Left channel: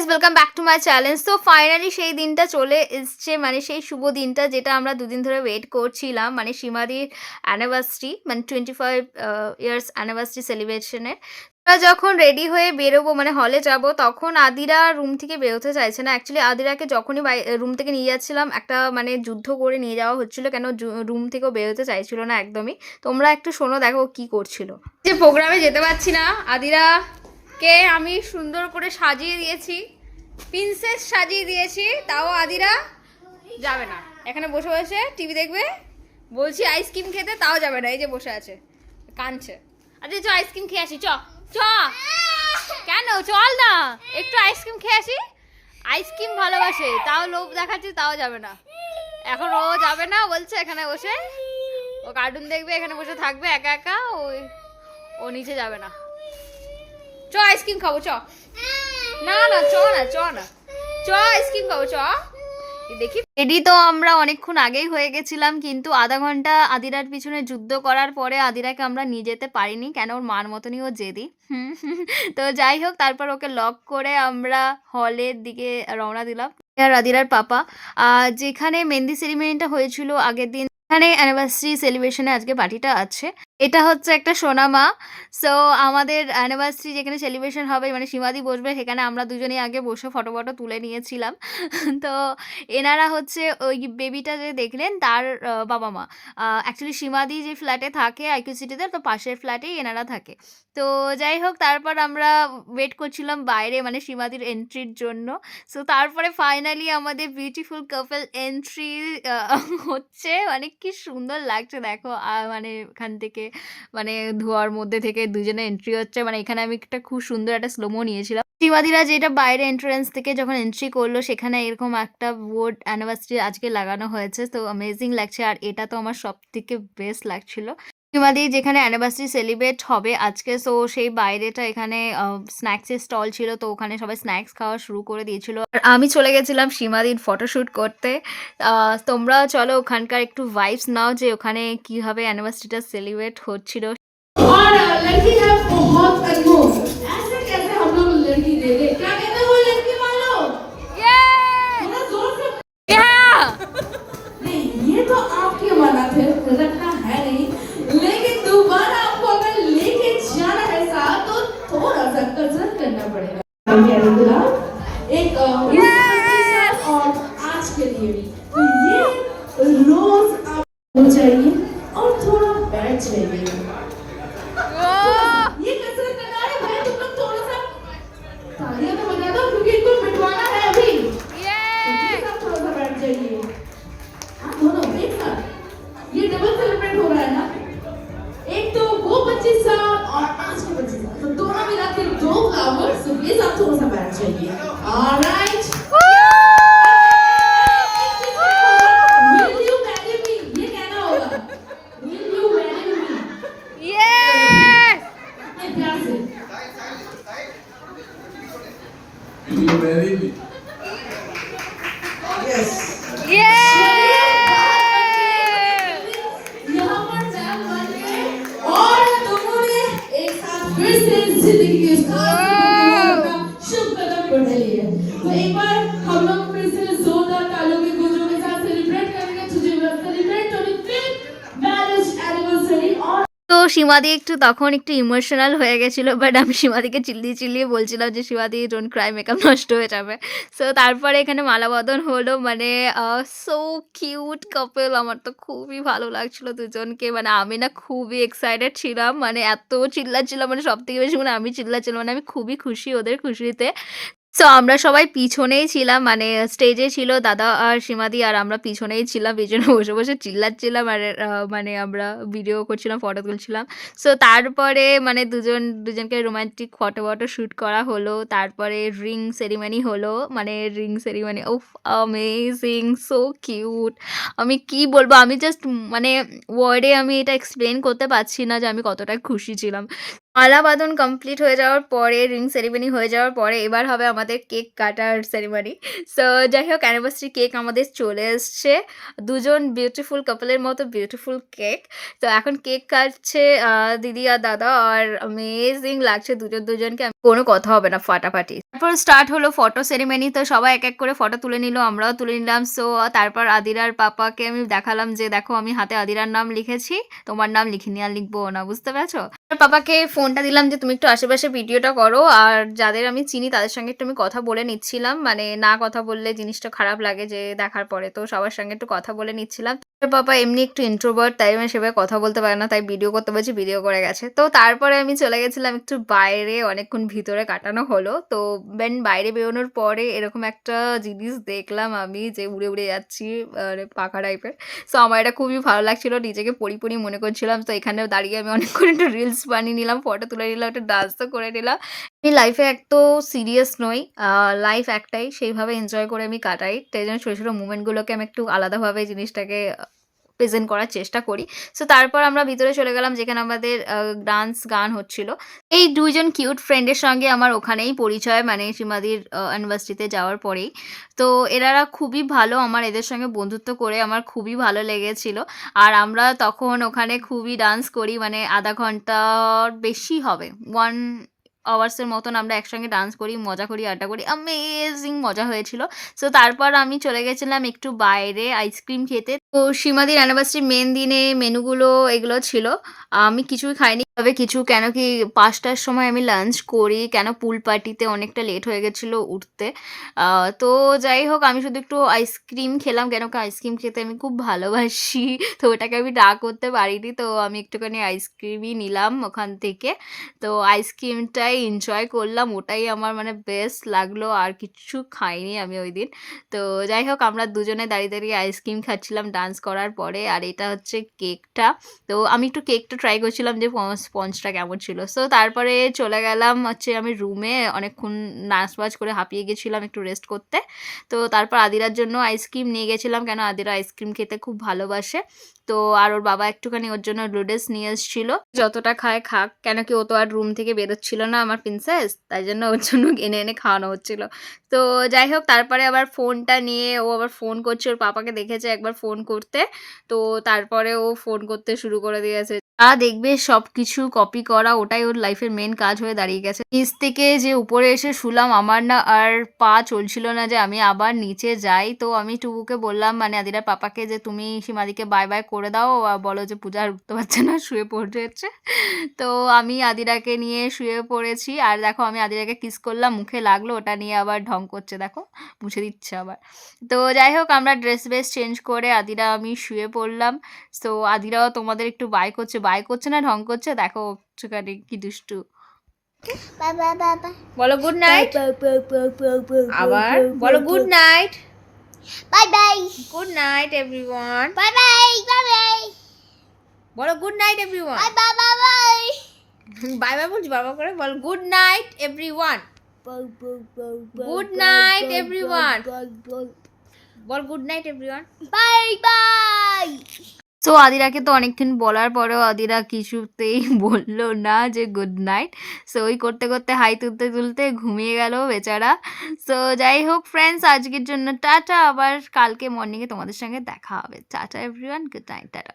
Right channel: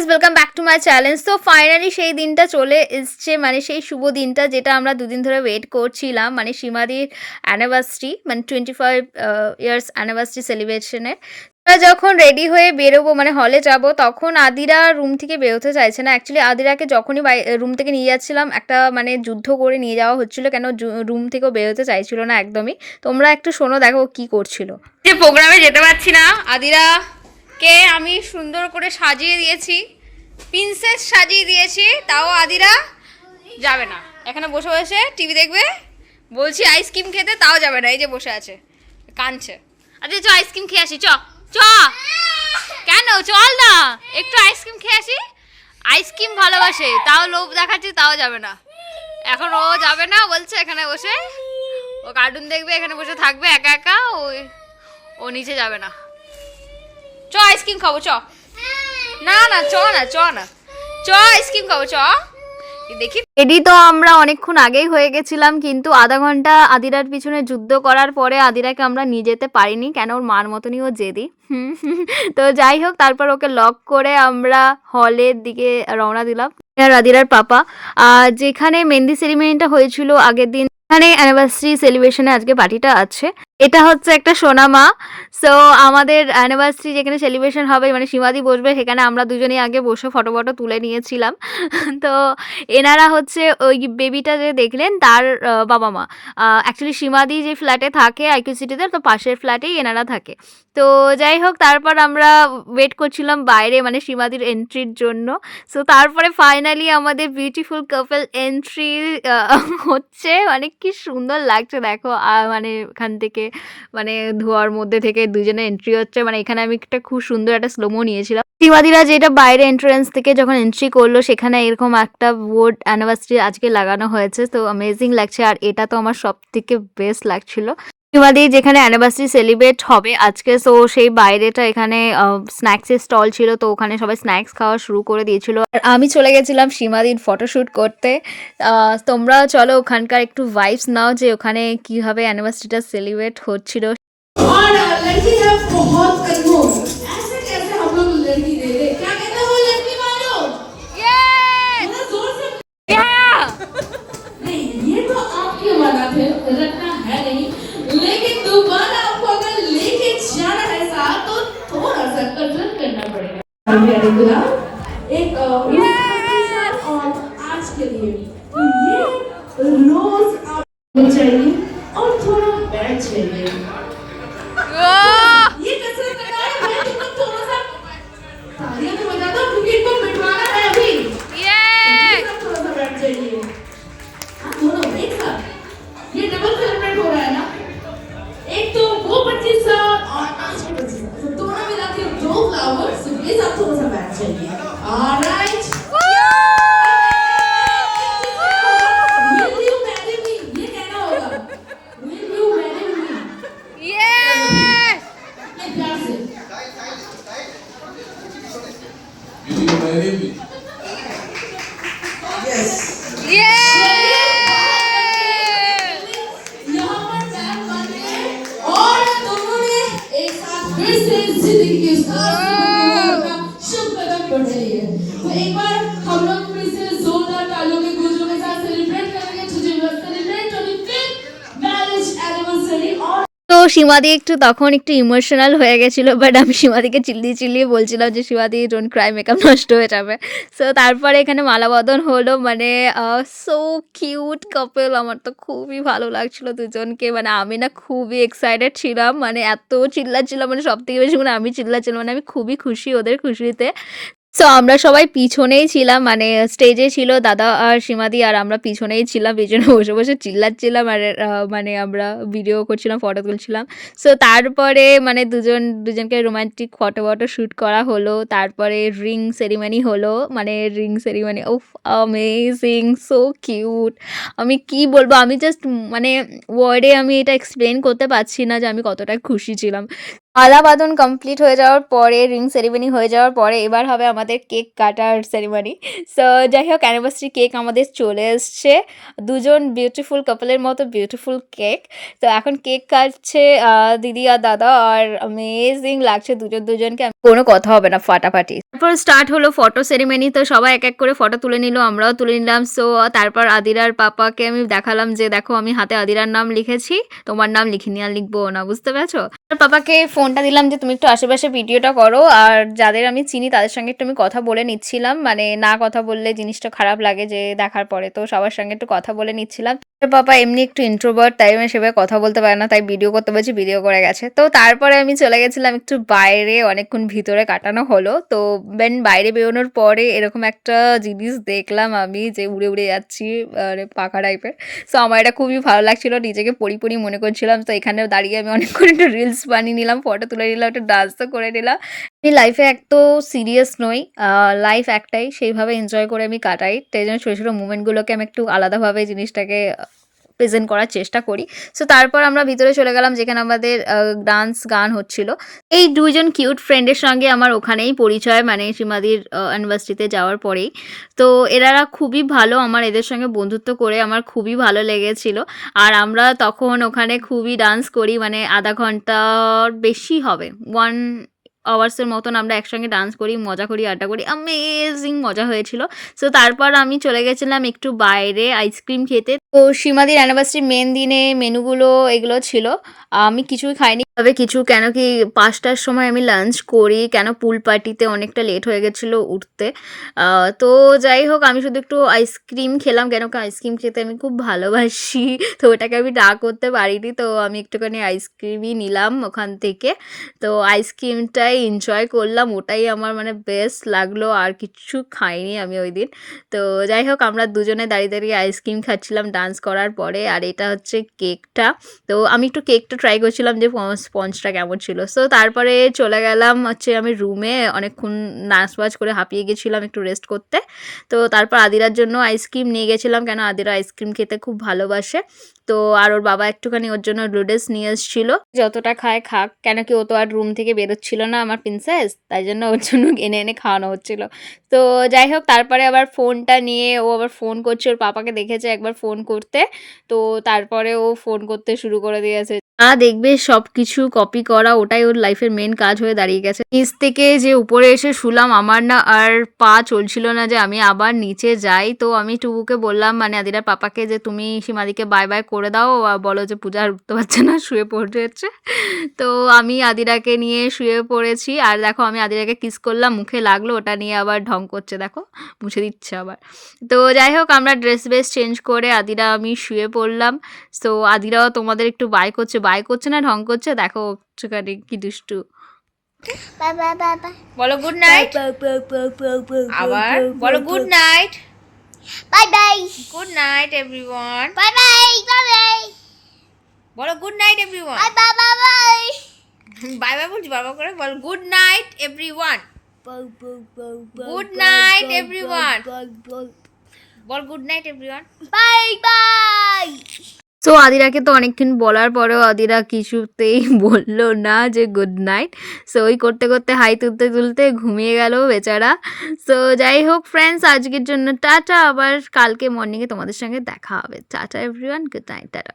Guys welcome back to my challenge. তো finally সেই দিনটা চলে এসছে, মানে সেই শুভ দিনটা যেটা আমরা দুদিন ধরে ওয়েট করছিলাম, মানে সীমাদির অ্যানিভার্সারি, মানে 25 ইয়ার্স অ্যানিভার্সারি সেলিব্রেশনের। আমরা যখন রেডি হয়ে বেরোবো, মানে হলে যাব, তখন আদিরা রুম থেকে বেরোতে চাইছে না। অ্যাকচুয়ালি আদিরাকে যখনই রুম থেকে নিয়ে যাচ্ছিলাম, একটা মানে যুদ্ধ করে নিয়ে যাওয়া হচ্ছিল, কেন রুম থেকেও বেরোতে চাইছিল না একদমই। তোমরা একটু শোনো, দেখো কি করছিল। যে প্রোগ্রামে যেতে পারছি না, আদিরা কে আমি সুন্দর করে সাজিয়ে দিয়েছি, প্রিন্সেস সাজিয়ে দিয়েছি, তাও আদিরা যাবে না। এখানে বসে বসে টিভি দেখবে, বলছি আইসক্রিম খেতে, তাও যাবে না। এই যে বসে আছে, কাঁদছে। আচ্ছা চ আইসক্রিম খেয়ে আসি, চ চ। কেন, চল না, একটু আইসক্রিম খেয়ে আসি। আইসক্রিম ভালোবাসে, তাও লোভ দেখাচ্ছে, তাও যাবে না। এখন ও যাবে না, বলছে এখানে বসে ও কার্টুন দেখবে, এখানে বসে থাকবে একা একা, ও নিচে যাবে না। চ আইসক্রিম খাবো, চ। না না, চ না, চ না, চ আইসক্রিম খাবো, চ। দেখি রেডি তো আমরা অনেকক্ষণ আগেই হয়ে গেছিলাম, কিন্তু আধা ঘন্টা আদিরার পিছনে যুদ্ধ করার পরে আদিরাকে আমরা নিয়ে যেতে পারিনি, কেন ওর মার মতনই ও জেদি। তো যাই হোক, তারপর ওকে লক করে আমরা হলের দিকে রওনা দিলাম। আর আদিরার পাপা যেখানে মেহেন্দি সেরিমনিটা হয়েছিল আগের দিন, এখানে অ্যানিভার্সারি সেলিব্রেশনে আজকে পার্টিটা আছে। এটা হচ্ছে একটা সোনামা। সো আমাদের অ্যানিভার্সারি যেখানে সেলিব্রেশন হবে, মানে সীমাদি বসবে, সেখানে আমরা দুজনেই আগে বসে ফটো ফটো তুলে নিয়েছিলাম। তো এনারা হচ্ছে ওই বেবিটা যে দেখলেন তার বাবা মা। অ্যাকচুয়ালি সীমাদি যে ফ্ল্যাটে থাকে আইকিউ সিটিতে, তো পাশের ফ্ল্যাটেই এনারা থাকে। তো যাই হোক, তারপর আমরা ওয়েট করছিলাম বাইরে, মানে সীমাদির এন্ট্রির জন্য। সো তারপরে ফাইনালি আমাদের বিউটিফুল কাপল এন্ট্রি হচ্ছে, মানে কি সুন্দর লাগছে দেখো। মানে এখান থেকে, মানে ধোয়ার মধ্যে থেকে দুজনে এন্ট্রি হচ্ছে, মানে এখানে আমি একটা খুব সুন্দর একটা স্লোমো নিয়েছিলাম। সীমাদিরা যেটা বাইরে এন্ট্রান্স থেকে যখন এন্ট্রি করলো, সেখানে এরকম একটা বোর্ড অ্যানিভার্সারি আজকে লাগানো হয়েছে, তো অ্যামেজিং লাগছে। আর এটা তো আমার সব থেকে বেস্ট লাগছিল। সীমাদি যেখানে অ্যানিভার্সারি সেলিব্রেট হবে আজকে, সো সেই বাইরেটা এখানে স্ন্যাক্সের স্টল ছিল, তো ওখানে সবাই স্ন্যাক্স খাওয়া শুরু করে দিয়েছিল। আর আমি চলে গেছিলাম সীমাদির ফটোশ্যুট করতে। তোমরা চলো ওখানকার একটু ভাইবস নাও, যে ওখানে কিভাবে অ্যানিভার্সারিটা সেলিব্রেট হচ্ছিল। और लड़की है बहुत कंजूस, ऐसे कैसे हम लोग लड़की दे दे, क्या कहते हो लड़की वालों? थोड़ा जोर से। नहीं, ये तो आपके वाला थे, रखना है नहीं, लेकिन दोबारा आपको अगर लेके जाना है साथ, तो थोड़ा सा कसरत करना पड़ेगा। प्यारे गुलाब, एक और आज के लिए तो ये रोज आपको चाहिए और थोड़ा बैठ चाहिए। ये कसरत करना है, मैं तुमको थोड़ा सा तालियां तो बजा दो, क्योंकि इनको मिटवाना है अभी। थोड़ा सा बैठ जाइए। हाँ, दोनों एक साथ। ये डबल सेलिब्रेट हो रहा है ना, एक तो वो 25 साल और आज के 25 साल, तो दोनों मिला के 2 फ्लावर्स, ये साथ थोड़ा सा बैठ जाइए। Alright, will you marry me? ये कहना होगा, will you marry me? मैं प्यार से। Will you marry me? Yes. यहाँ पर बैग बन गए और दोनों ने एक साथ फिर से जिंदगी के शुभ कदम बढ़ा लिए। तो एक बार हम लोग फिर से जोरदार तालियों की गूंजों के साथ सेलिब्रेट करेंगे, to celebrate 25th marriage anniversary। और তো সীমাদি একটু তখন একটু ইমোশনাল হয়ে গেছিল, বাট আমি সীমাদিকে চিল্লিয়ে চিল্লিয়ে বলছিলাম যে সীমাদি ডোন্ট ক্রাই, মেকআপ নষ্ট হয়ে যাবে। সো তারপরে এখানে মালাবদন হলো, মানে সো কিউট কাপল। আমার তো খুবই ভালো লাগছিল দুজনকে, মানে আমি না খুবই এক্সাইটেড ছিলাম, মানে এত চিল্লাচ্ছিলাম, মানে সব থেকে বেশি মানে আমি চিল্লাচ্ছিলাম, মানে আমি খুবই খুশি ওদের খুশিতে। সো আমরা সবাই পিছনেই ছিলাম, মানে স্টেজে ছিল দাদা আর সীমাদি, আর আমরা পিছনেই ছিলাম, পিছনে বসে বসে চিল্লাচ্ছিলাম, আর মানে আমরা ভিডিও করছিলাম, ফটো তুলছিলাম। সো তারপরে মানে দুজনকে রোমান্টিক ফটো শ্যুট করা হলো। তারপরে রিং সেরিমনি হলো, মানে রিং সেরিমনি উফ অ্যামেজিং, সো কিউট। আমি কি বলবো, আমি জাস্ট মানে ওয়ার্ডে আমি এটা এক্সপ্লেন করতে পারছি না যে আমি কতটা খুশি ছিলাম। মালা বাঁধন কমপ্লিট হয়ে যাওয়ার পরে, রিং সেরিমনি হয়ে যাওয়ার পরে এবার হবে আমাদের কেক কাটার সেরিমনি। সো যাই হোক অ্যানিভার্সারি কেক আমাদের চলে এসছে। দুজন বিউটিফুল কাপলের মতো বিউটিফুল কেক। তো এখন কেক কাটছে দিদি আর দাদা, আর অ্যামেজিং লাগছে দুজনকে। কোনো কথা হবে না, ফাটাফাটি। তারপর স্টার্ট হলো ফটো সেরিমনি। তো সবাই এক এক করে ফটো তুলে নিল, আমরাও তুলে নিলাম। সো তারপর আদিরার পাপাকে আমি দেখালাম যে দেখো আমি হাতে আদিরার নাম লিখেছি, তোমার নাম লিখিনি, আর লিখবো না, বুঝতে পেরেছো? পাপাকে ফোনটা দিলাম যে তুমি একটু আশেপাশে ভিডিওটা করো, আর যাদের আমি চিনি তাদের সঙ্গে একটু আমি কথা বলে নিচ্ছিলাম, মানে না কথা বললে জিনিসটা খারাপ লাগে যে দেখার পরে, তো সবার সঙ্গে একটু কথা বলে নিচ্ছিলাম। পাপা এমনি একটু ইন্ট্রোভার্ট, তাই আমি সেভাবে কথা বলতে পারে না, তাই ভিডিও করতে বলছি, ভিডিও করে গেছে। তো তারপরে আমি চলে গেছিলাম একটু বাইরে, অনেকক্ষণ ভিতরে কাটানো হলো। তো বাইরে বেরোনোর পরে এরকম একটা জিনিস দেখলাম আমি, যে উড়ে উড়ে যাচ্ছি, মানে পাখা টাইপের। সো আমার এটা খুবই ভালো লাগছিল, নিজেকে পরি মনে করছিলাম। তো এখানে দাঁড়িয়ে আমি অনেকক্ষণ একটু রিলস বানিয়ে নিলাম, ফটো তুলে নিলাম, একটু ডান্সও করে নিলাম। আমি লাইফে এক তো সিরিয়াস নই, লাইফ একটাই, সেইভাবে এনজয় করে আমি কাটাই। তাই জন্য ছোটো ছোটো মুমেন্টগুলোকে আমি একটু আলাদাভাবে জিনিসটাকে প্রেজেন্ট করার চেষ্টা করি। সো তারপর আমরা ভিতরে চলে গেলাম যেখানে আমাদের ডান্স গান হচ্ছিল। এই দুইজন কিউট ফ্রেন্ডের সঙ্গে আমার ওখানেই পরিচয়, মানে সীমাদির অ্যানিভার্সারিতে যাওয়ার পরেই। তো এনারা খুবই ভালো, আমার এদের সঙ্গে বন্ধুত্ব করে আমার খুবই ভালো লেগেছিল। আর আমরা তখন ওখানে খুবই ডান্স করি, মানে আধা ঘন্টার বেশি হবে, 1 আওয়ার্সের মতন আমরা একসঙ্গে ডান্স করি, মজা করি, আড্ডা করি, অ্যামেজিং মজা হয়েছিল। সো তারপর আমি চলে গেছিলাম একটু বাইরে আইসক্রিম খেতে। তো সীমাদির অ্যানিভার্সারি মেন দিনে মেনুগুলো এগুলো ছিল। আমি কিছুই খাইনি, তবে কিছু, কেন কি 5টার সময় আমি লাঞ্চ করি, কেন পুল পার্টিতে অনেকটা লেট হয়ে গেছিলো উঠতে। তো যাই হোক আমি শুধু একটু আইসক্রিম খেলাম, কেন কি আইসক্রিম খেতে আমি খুব ভালোবাসি। তো ওটাকে আমি না করতে পারিনি, তো আমি একটুখানি আইসক্রিমই নিলাম ওখান থেকে। তো আইসক্রিমটাই এনজয় করলাম, ওটাই আমার মানে বেস্ট লাগলো, আর কিচ্ছু খাইনি আমি ওই দিন। তো যাই হোক আমরা দুজনে দাঁড়িয়ে আইসক্রিম খাচ্ছিলাম ডান্স করার পরে। আর এটা হচ্ছে কেকটা। তো আমি একটু কেকটা ট্রাই করছিলাম যে স্পঞ্জটা কেমন ছিল। সো তারপরে চলে গেলাম হচ্ছে আমি রুমে, অনেকক্ষণ নাচ করে হাঁপিয়ে গেছিলাম, একটু রেস্ট করতে। তো তারপর আদিরার জন্য আইসক্রিম নিয়ে গেছিলাম, কেন আদিরা আইসক্রিম খেতে খুব ভালোবাসে। তো আর ওর বাবা একটুখানি ওর জন্য নুডলস নিয়ে এসেছিলো, যতটা খায় খাক, কেন কি ও তো আর রুম থেকে বেরোচ্ছিল না আমার প্রিন্সেস, তাই জন্য ওর জন্য এনে এনে খাওয়ানো হচ্ছিলো। তো যাই হোক তারপরে আবার ফোনটা নিয়ে ও আবার ফোন করছে, ওর পাপাকে দেখেছে একবার ফোন করতে। তো তারপরে ও ফোন করতে শুরু করে দিয়েছে। দেখবে সব কিছু কপি করা, ওটাই ওর লাইফের মেন কাজ হয়ে দাঁড়িয়ে গেছে। নিচ থেকে যে উপরে এসে শুলাম, আমার না আর পা চলছিল না যে আমি আবার নিচে যাই। তো আমি টুকুকে বললাম, মানে আদিরার পাপাকে, যে তুমি সীমাদিকে বাই বাই করে দাও, আর বলো যে পূজা আর উঠতে পারছে না, শুয়ে পড়েছে। তো আমি আদিরাকে নিয়ে শুয়ে পড়েছি, আর দেখো আমি আদিরাকে কিস করলাম, মুখে লাগলো, ওটা নিয়ে আবার ঢং করছে, দেখো মুছে দিচ্ছে আবার। তো যাই হোক আমরা ড্রেস চেঞ্জ করে আদিরা আমি শুয়ে পড়লাম। সো আদিরাও তোমাদের একটু বাই করছে না ঢং করছে, দেখো একটুখানি কি দুষ্টু। Bye bye bye bye. বলো গুড নাইট, আবার বলো good night. Bye bye. Good night everyone, Bye bye. Bye bye. বলো good night everyone. Bye bye bye bye. Bye bye বলছি, বাবা করে বল good night everyone. Good night, everyone. বল good night everyone. Bye bye. So আদিরাকে তো অনেকক্ষণ বলার পরেও আদিরা কিছুতেই বললো না যে গুড নাইট। সো ওই করতে করতে হাই তুলতে ঘুমিয়ে গেল বেচারা। সো যাই হোক ফ্রেন্ডস, আজকের জন্য টাটা, আবার কালকে মর্নিংয়ে তোমাদের সঙ্গে দেখা হবে। Tata everyone, good night, tata.